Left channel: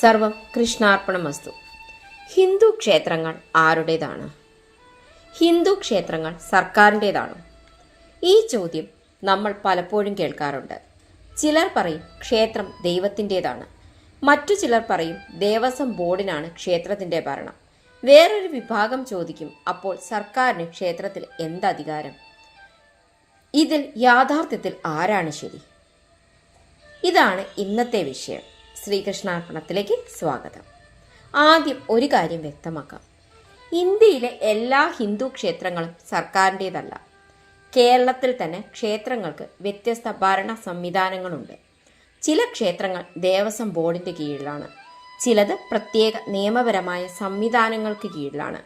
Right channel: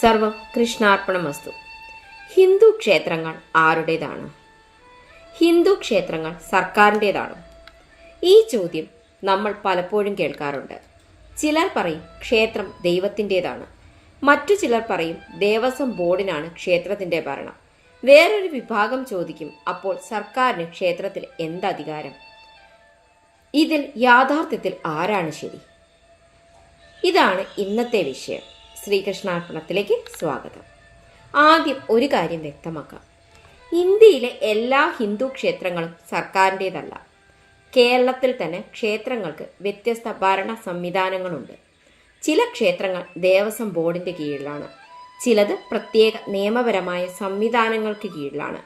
സർവം കൃഷ്ണാർപ്പണമസ്തു. ഹിന്ദു ക്ഷേത്രങ്ങൾ ആരുടേതാണ്? ഹിന്ദു ക്ഷേത്രങ്ങൾ സർക്കാരിൻ്റേതാണോ? ഈ ചോദ്യം നമ്മൾ പലപ്പോഴും കേൾക്കാറുണ്ട്. ചിലർ പറയും ക്ഷേത്രം ദൈവത്തിൻ്റേതാണ്, മറ്റു ചിലർ പറയും ദേവസ്വം ബോർഡിനാണ് ക്ഷേത്രത്തിൻ്റെ ഭരണം. വേറൊരു വിഭാഗം ചോദിക്കും, അപ്പോൾ സർക്കാരിന് ക്ഷേത്രത്തിൽ എന്തധികാരം? ഇതിൽ യാഥാർത്ഥ്യത്തിൽ ആരാണ് ശരി? ഇതാണ് ഇന്നത്തെ വിഷയം. ശ്രീകൃഷ്ണാർപ്പണത്തിലേക്ക് സ്വാഗതം. ആദ്യം ഒരു കാര്യം വ്യക്തമാക്കാം. ഇന്ത്യയിലെ എല്ലാ ഹിന്ദു ക്ഷേത്രങ്ങളും സർക്കാരിൻ്റേതല്ല. കേരളത്തിൽ തന്നെ ക്ഷേത്രങ്ങൾക്ക് വ്യത്യസ്ത ഭരണ സംവിധാനങ്ങളുണ്ട്. ചില ക്ഷേത്രങ്ങൾ ദേവസ്വം ബോർഡിൻ്റെ കീഴിലാണ്, ചിലത് പ്രത്യേക നിയമപരമായ സംവിധാനങ്ങൾക്ക് കീഴിലാണ്.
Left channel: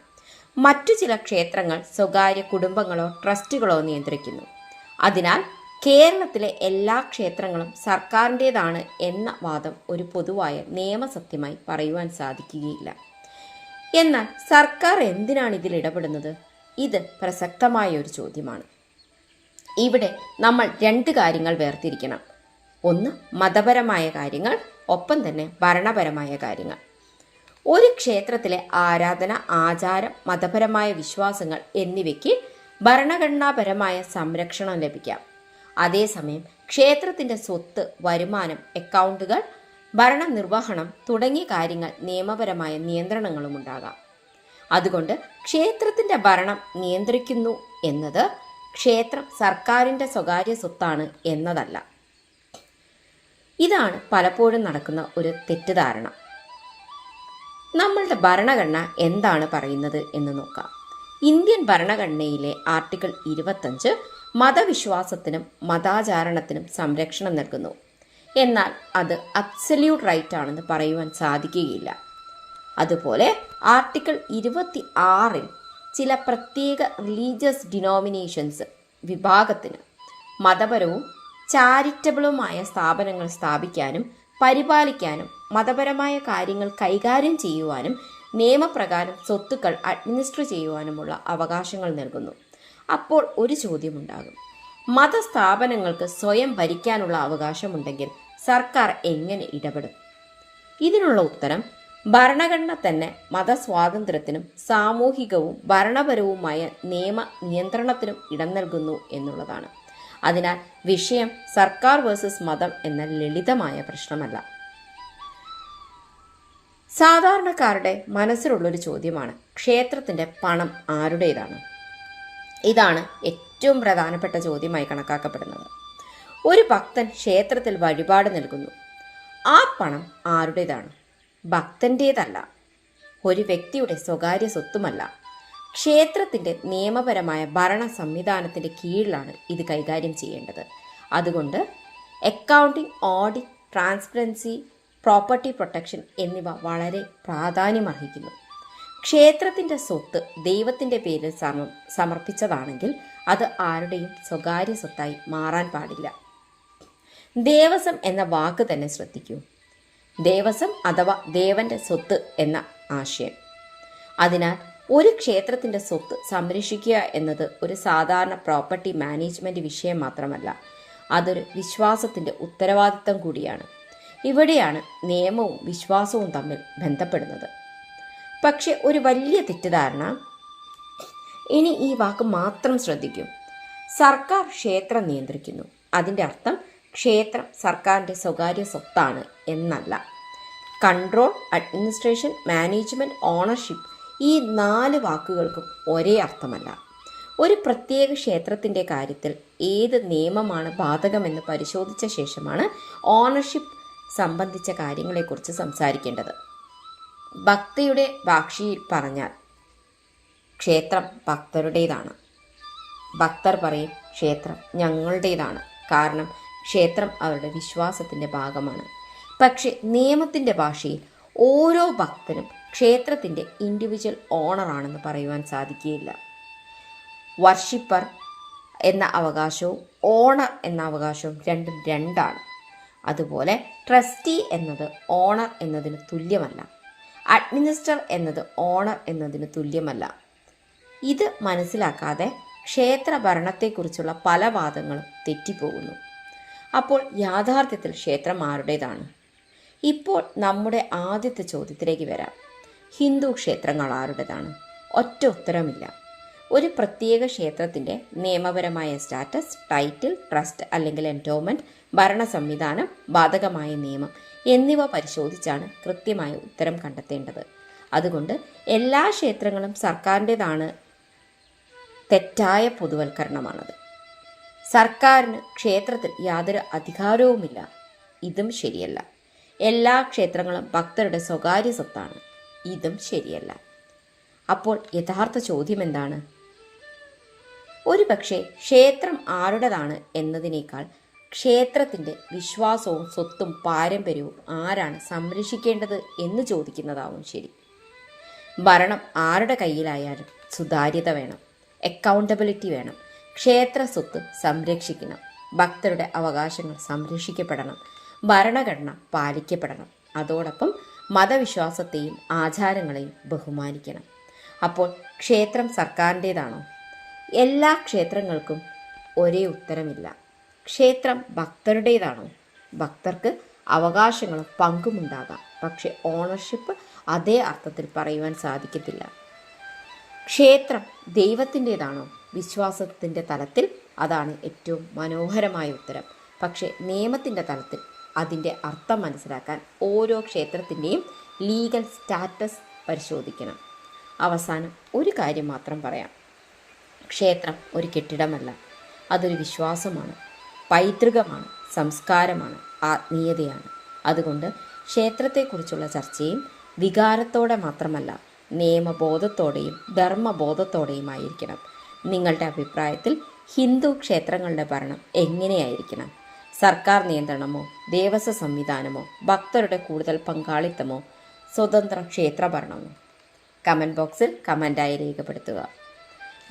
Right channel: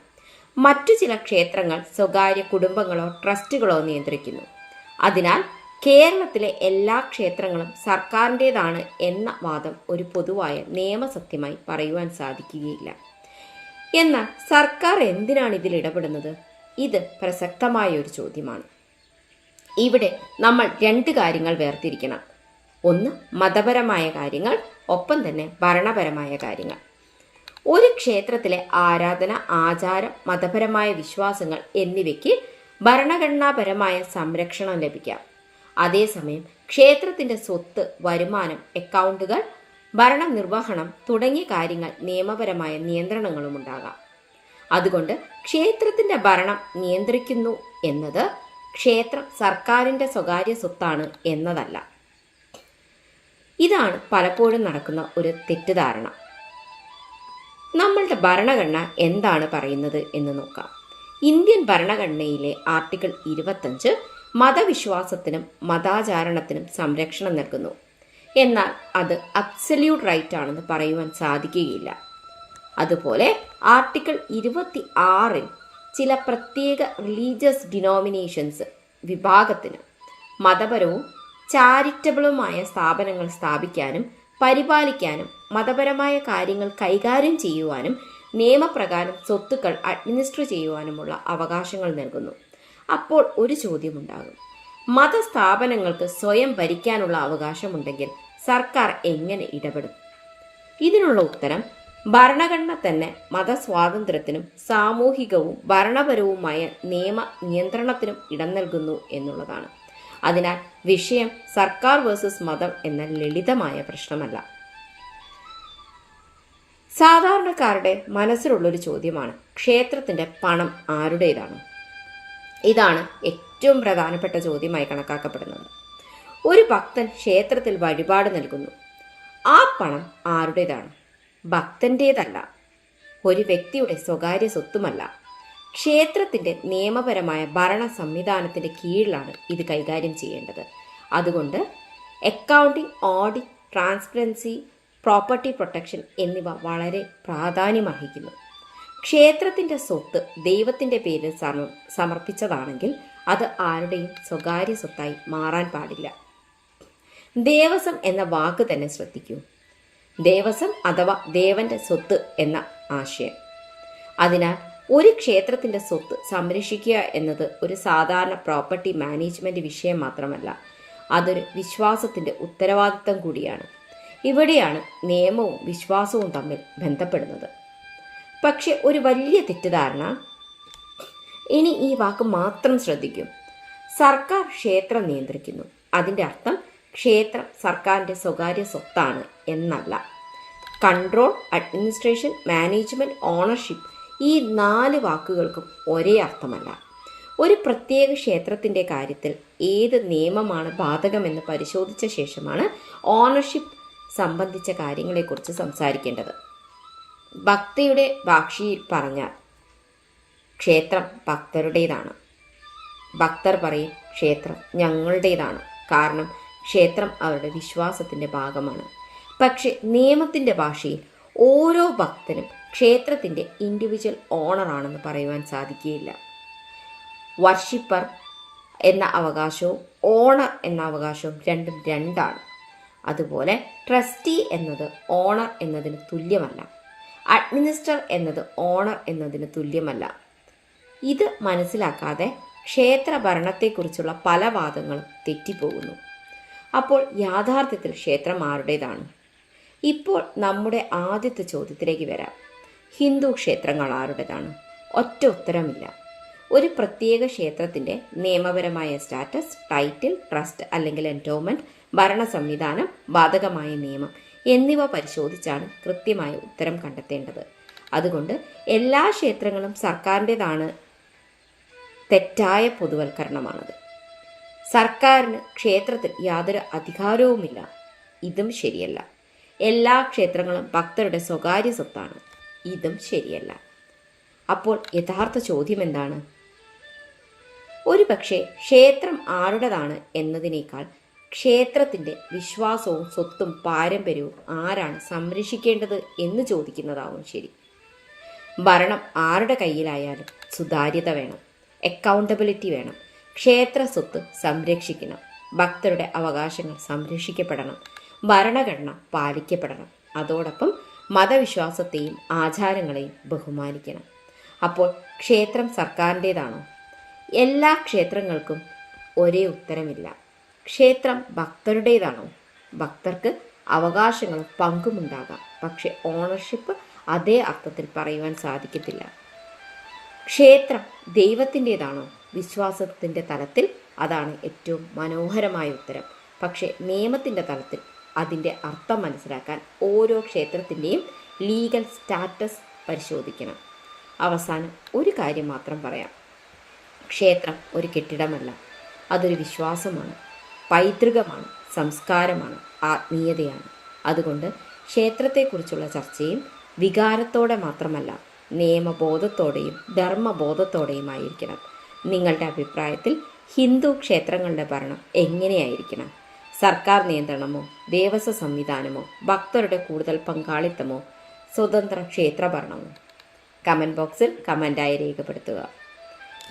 മറ്റു ചില ക്ഷേത്രങ്ങൾ സ്വകാര്യ കുടുംബങ്ങളോ ട്രസ്റ്റുകളോ നിയന്ത്രിക്കുന്നു. അതിനാൽ കേരളത്തിലെ എല്ലാ ക്ഷേത്രങ്ങളും സർക്കാരിൻ്റേതാണ് എന്ന വാദം ഒരു പൊതുവായ നിയമസത്യമായി പറയുവാൻ സാധിക്കുകയില്ല. എന്നാൽ സർക്കാർ എന്തിനാണ് ഇതിൽ ഇടപെടുന്നത്? ഇത് പ്രസക്തമായ ഒരു ചോദ്യമാണ്. ഇവിടെ നമ്മൾ രണ്ട് കാര്യങ്ങൾ വേർതിരിക്കണം. ഒന്ന് മതപരമായ കാര്യങ്ങൾ, ഒപ്പം തന്നെ ഭരണപരമായ കാര്യങ്ങൾ. ഒരു ക്ഷേത്രത്തിലെ ആരാധന, ആചാരം, മതപരമായ വിശ്വാസങ്ങൾ എന്നിവയ്ക്ക് ഭരണഘടനാപരമായ സംരക്ഷണം ലഭിക്കാം. അതേസമയം ക്ഷേത്രത്തിന്റെ സ്വത്ത്, വരുമാനം, അക്കൗണ്ടുകൾ, ഭരണനിർവഹണം തുടങ്ങിയ കാര്യങ്ങൾ നിയമപരമായ നിയന്ത്രണങ്ങളും ഉണ്ടാകാം. അതുകൊണ്ട് ക്ഷേത്രത്തിന്റെ ഭരണം നിയന്ത്രിക്കുന്നു എന്നത് ക്ഷേത്രം സർക്കാരിന്റെ സ്വകാര്യ സ്വത്താണ് എന്നതല്ല. ഇതാണ് പലപ്പോഴും നടക്കുന്ന ഒരു തെറ്റിദ്ധാരണ. നമ്മളുടെ ഭരണഘടന എന്താണ് പറയുന്നത് എന്ന് നോക്കാം. ഇന്ത്യൻ ഭരണഘടനയിലെ ആർട്ടിക്കിൾ 25 മതവിശ്വാസത്തിനും മതാചാരണത്തിനും സംരക്ഷണം നൽകുന്നു. എന്നാൽ അത് അബ്സല്യൂട്ട് റൈറ്റ് ആണെന്ന് പറയുവാൻ സാധിക്കുകയില്ല. അതുപോലെ ആർട്ടിക്കിൾ 26 ചില പ്രത്യേക റിലീജിയസ് ഡിനോമിനേഷൻസ് വിഭാഗത്തിന് മതപരവും ചാരിറ്റബിളുമായ സ്ഥാപനങ്ങൾ സ്ഥാപിക്കാനും പരിപാലിക്കാനും മതപരമായ കാര്യങ്ങൾ കൈകാര്യം ചെയ്യുവാനും നിയമപ്രകാരം സ്വത്തുക്കൾ അഡ്മിനിസ്റ്റർ ചെയ്യുവാനുമുള്ള അവകാശങ്ങൾ നൽകുന്നു. അപ്പോൾ ഒരു ചോദ്യമുണ്ടാകും, മതസ്ഥാപനങ്ങൾക്ക് സ്വയം ഭരിക്കാനുള്ള അവകാശമുണ്ടെങ്കിൽ സർക്കാർ എങ്ങനെ ഇടപെടും? ഇതിനുള്ള ഉത്തരം ഭരണഘടന തന്നെ മതസ്വാതന്ത്ര്യത്തിനും സാമൂഹികവും ഭരണപരവുമായ നിയമ നിയന്ത്രണത്തിനും ഇടം നൽകുന്നു എന്നുള്ളതാണ്. അതിനാൽ വിഷയം സർക്കാർ വേഴ്സസ് മതം എന്ന ലളിതമായ പ്രശ്നമല്ല. സാധാരണക്കാരുടെ മനസ്സിലുള്ളൊരു ചോദ്യമാണ്, ക്ഷേത്രത്തിന്റെ പണം ആരുടേതാണ്? ഇതാണ് ഏറ്റവും പ്രധാനപ്പെട്ട ചോദ്യമായി കണക്കാക്കപ്പെടുന്നത്. ഒരു ഭക്തൻ ക്ഷേത്രത്തിൽ വഴിപാട് നൽകുന്നു. ആ പണം ആരുടേതാണ്? ഭക്തൻ്റേതല്ല, ഒരു വ്യക്തിയുടെ സ്വകാര്യ സ്വത്തുമല്ല. ക്ഷേത്രത്തിന്റെ നിയമപരമായ ഭരണ സംവിധാനത്തിന്റെ കീഴിലാണ് ഇത് കൈകാര്യം ചെയ്യേണ്ടത്. അതുകൊണ്ട് accounting, audit, transparency, property protection എന്നിവ വളരെ പ്രാധാന്യമർഹിക്കുന്നു. ക്ഷേത്രത്തിന്റെ സ്വത്ത് ദൈവത്തിന്റെ പേരിൽ സമർപ്പിച്ചതാണെങ്കിൽ അത് ആരുടെയും സ്വകാര്യ സ്വത്തായി മാറാൻ പാടില്ല. ദേവസ്വം എന്ന വാക്ക് തന്നെ ശ്രദ്ധിക്കൂ. ദേവസ്വം അഥവാ ദേവന്റെ സ്വത്ത് എന്ന ആശയം. അതിനാൽ ഒരു ക്ഷേത്രത്തിന്റെ സ്വത്ത് സംരക്ഷിക്കുക എന്നത് ഒരു സാധാരണ പ്രോപ്പർട്ടി മാനേജ്മെന്റ് വിഷയം മാത്രമല്ല, അതൊരു വിശ്വാസത്തിന്റെ ഉത്തരവാദിത്തം കൂടിയാണ്. ഇവിടെയാണ് നിയമവും വിശ്വാസവും തമ്മിൽ ബന്ധപ്പെടുന്നത്. പക്ഷെ ഒരു വലിയ തെറ്റിദ്ധാരണ, ഇനി ഈ വാക്ക് മാത്രം ശ്രദ്ധിക്കും, സർക്കാർ ക്ഷേത്രം നിയന്ത്രിക്കുന്നു, അതിൻ്റെ അർത്ഥം ക്ഷേത്രം സർക്കാരിൻ്റെ സ്വകാര്യ സ്വത്താണ് എന്നല്ല. കൺട്രോൾ, അഡ്മിനിസ്ട്രേഷൻ, മാനേജ്മെന്റ്, ഓണർഷിപ്പ് ഈ 4 വാക്കുകൾക്കും ഒരേ അർത്ഥമല്ല. ഒരു പ്രത്യേക ക്ഷേത്രത്തിൻ്റെ കാര്യത്തിൽ ഏത് നിയമമാണ് ബാധകമെന്ന് പരിശോധിച്ച ശേഷമാണ് ഓണർഷിപ്പ് സംബന്ധിച്ച കാര്യങ്ങളെക്കുറിച്ച് സംസാരിക്കേണ്ടത്. ഭക്തിയുടെ ഭാഷയിൽ പറഞ്ഞാൽ ക്ഷേത്രം ഭക്തരുടേതാണ്. ഭക്തർ പറയും ക്ഷേത്രം ഞങ്ങളുടേതാണ്, കാരണം ക്ഷേത്രം അവരുടെ വിശ്വാസത്തിൻ്റെ ഭാഗമാണ്. പക്ഷെ നിയമത്തിൻ്റെ ഭാഷയിൽ ഓരോ ഭക്തനും ക്ഷേത്രത്തിൻ്റെ ഇൻഡിവിജ്വൽ ഓണറാണെന്ന് പറയുവാൻ സാധിക്കുകയില്ല. വർഷിപ്പർ എന്ന അവകാശവും ഓണർ എന്ന അവകാശവും രണ്ടും രണ്ടാണ്. അതുപോലെ ട്രസ്റ്റി എന്നത് ഓണർ എന്നതിന് തുല്യമല്ല, അഡ്മിനിസ്റ്റർ എന്നത് ഓണർ എന്നതിന് തുല്യമല്ല. ഇത് മനസ്സിലാക്കാതെ ക്ഷേത്ര ഭരണത്തെക്കുറിച്ചുള്ള പല വാദങ്ങളും തെറ്റിപ്പോകുന്നു. അപ്പോൾ യാഥാർത്ഥ്യത്തിൽ ക്ഷേത്രം ആരുടേതാണ്? ഇപ്പോൾ നമ്മുടെ ആദ്യത്തെ ചോദ്യത്തിലേക്ക് വരാം. ഹിന്ദു ക്ഷേത്രങ്ങൾ ആരുടേതാണ്? ഒറ്റ ഉത്തരമില്ല. ഒരു പ്രത്യേക ക്ഷേത്രത്തിൻ്റെ നിയമപരമായ സ്റ്റാറ്റസ്, ടൈറ്റിൽ, ട്രസ്റ്റ് അല്ലെങ്കിൽ എൻഡോമെന്റ്, ഭരണ സംവിധാനം, ബാധകമായ നിയമം എന്നിവ പരിശോധിച്ചാണ് കൃത്യമായ ഉത്തരം കണ്ടെത്തേണ്ടത്. അതുകൊണ്ട് എല്ലാ ക്ഷേത്രങ്ങളും സർക്കാരിൻ്റെതാണ് തെറ്റായ പൊതുവൽക്കരണമാണത്. സർക്കാരിന് ക്ഷേത്രത്തിൽ യാതൊരു അധികാരവുമില്ല. ഇതും ശരിയല്ല. എല്ലാ ക്ഷേത്രങ്ങളും ഭക്തരുടെ സ്വകാര്യ സ്വത്താണ്. ഇതും ശരിയല്ല. അപ്പോൾ യഥാർത്ഥ ചോദ്യം എന്താണ്? ഒരു പക്ഷേ ക്ഷേത്രം ആരുടേതാണ് എന്നതിനേക്കാൾ ക്ഷേത്രത്തിൻ്റെ വിശ്വാസവും സ്വത്തും പാരമ്പര്യവും ആരാണ് സംരക്ഷിക്കേണ്ടത് എന്ന് ചോദിക്കുന്നതാവും ശരി. ഭരണം ആരുടെ കയ്യിലായാലും സുതാര്യത വേണം, അക്കൗണ്ടബിലിറ്റി വേണം. ക്ഷേത്ര സ്വത്ത് സംരക്ഷിക്കണം, ഭക്തരുടെ അവകാശങ്ങൾ സംരക്ഷിക്കപ്പെടണം, ഭരണഘടന പാലിക്കപ്പെടണം. അതോടൊപ്പം മതവിശ്വാസത്തെയും ആചാരങ്ങളെയും ബഹുമാനിക്കണം. അപ്പോൾ ക്ഷേത്രം സർക്കാരിൻ്റേതാണോ? എല്ലാ ക്ഷേത്രങ്ങൾക്കും ഒരേ ഉത്തരമില്ല. ക്ഷേത്രം ഭക്തരുടേതാണോ? ഭക്തർക്ക് അവകാശങ്ങളും പങ്കുമുണ്ടാകാം, പക്ഷെ ഓണർഷിപ്പ് അതേ അർത്ഥത്തിൽ പറയുവാൻ സാധിക്കത്തില്ല. ക്ഷേത്രം ദൈവത്തിൻ്റെതാണോ? വിശ്വാസത്തിൻ്റെ തലത്തിൽ അതാണ് ഏറ്റവും മനോഹരമായ ഉത്തരം. പക്ഷേ നിയമത്തിൻ്റെ തലത്തിൽ അതിൻ്റെ അർത്ഥം മനസ്സിലാക്കാൻ ഓരോ ക്ഷേത്രത്തിൻ്റെയും ലീഗൽ സ്റ്റാറ്റസ് പരിശോധിക്കണം. അവസാനം ഒരു കാര്യം മാത്രം പറയാം. ക്ഷേത്രം ഒരു കെട്ടിടമല്ല, അതൊരു വിശ്വാസമാണ്, പൈതൃകമാണ്, സംസ്കാരമാണ്, ആത്മീയതയാണ്. അതുകൊണ്ട് ക്ഷേത്രത്തെക്കുറിച്ചുള്ള ചർച്ചയും വികാരത്തോടെ മാത്രമല്ല, നിയമബോധത്തോടെയും ധർമ്മബോധത്തോടെയുമായിരിക്കണം. നിങ്ങളുടെ അഭിപ്രായത്തിൽ ഹിന്ദു ക്ഷേത്രങ്ങളുടെ ഭരണം എങ്ങനെയായിരിക്കണം? സർക്കാർ നിയന്ത്രണമോ, ദേവസ്വ സംവിധാനമോ, ഭക്തരുടെ കൂടുതൽ പങ്കാളിത്തമോ, സ്വതന്ത്ര ക്ഷേത്രഭരണമോ? കമൻറ്റ് ബോക്സിൽ കമൻ്റായി രേഖപ്പെടുത്തുക.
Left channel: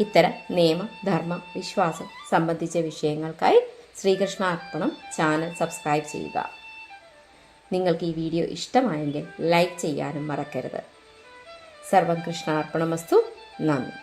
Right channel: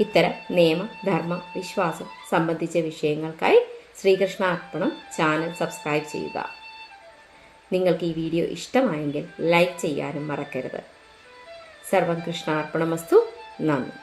ഇത്തരം നിയമ, ധർമ്മ, വിശ്വാസം സംബന്ധിച്ച വിഷയങ്ങൾക്കായി ശ്രീകൃഷ്ണ അർപ്പണം ചാനൽ സബ്സ്ക്രൈബ് ചെയ്യുക. നിങ്ങൾക്ക് ഈ വീഡിയോ ഇഷ്ടമായെങ്കിൽ ലൈക്ക് ചെയ്യാനും മറക്കരുത്. സർവം കൃഷ്ണാർപ്പണമസ്തു. നന്ദി.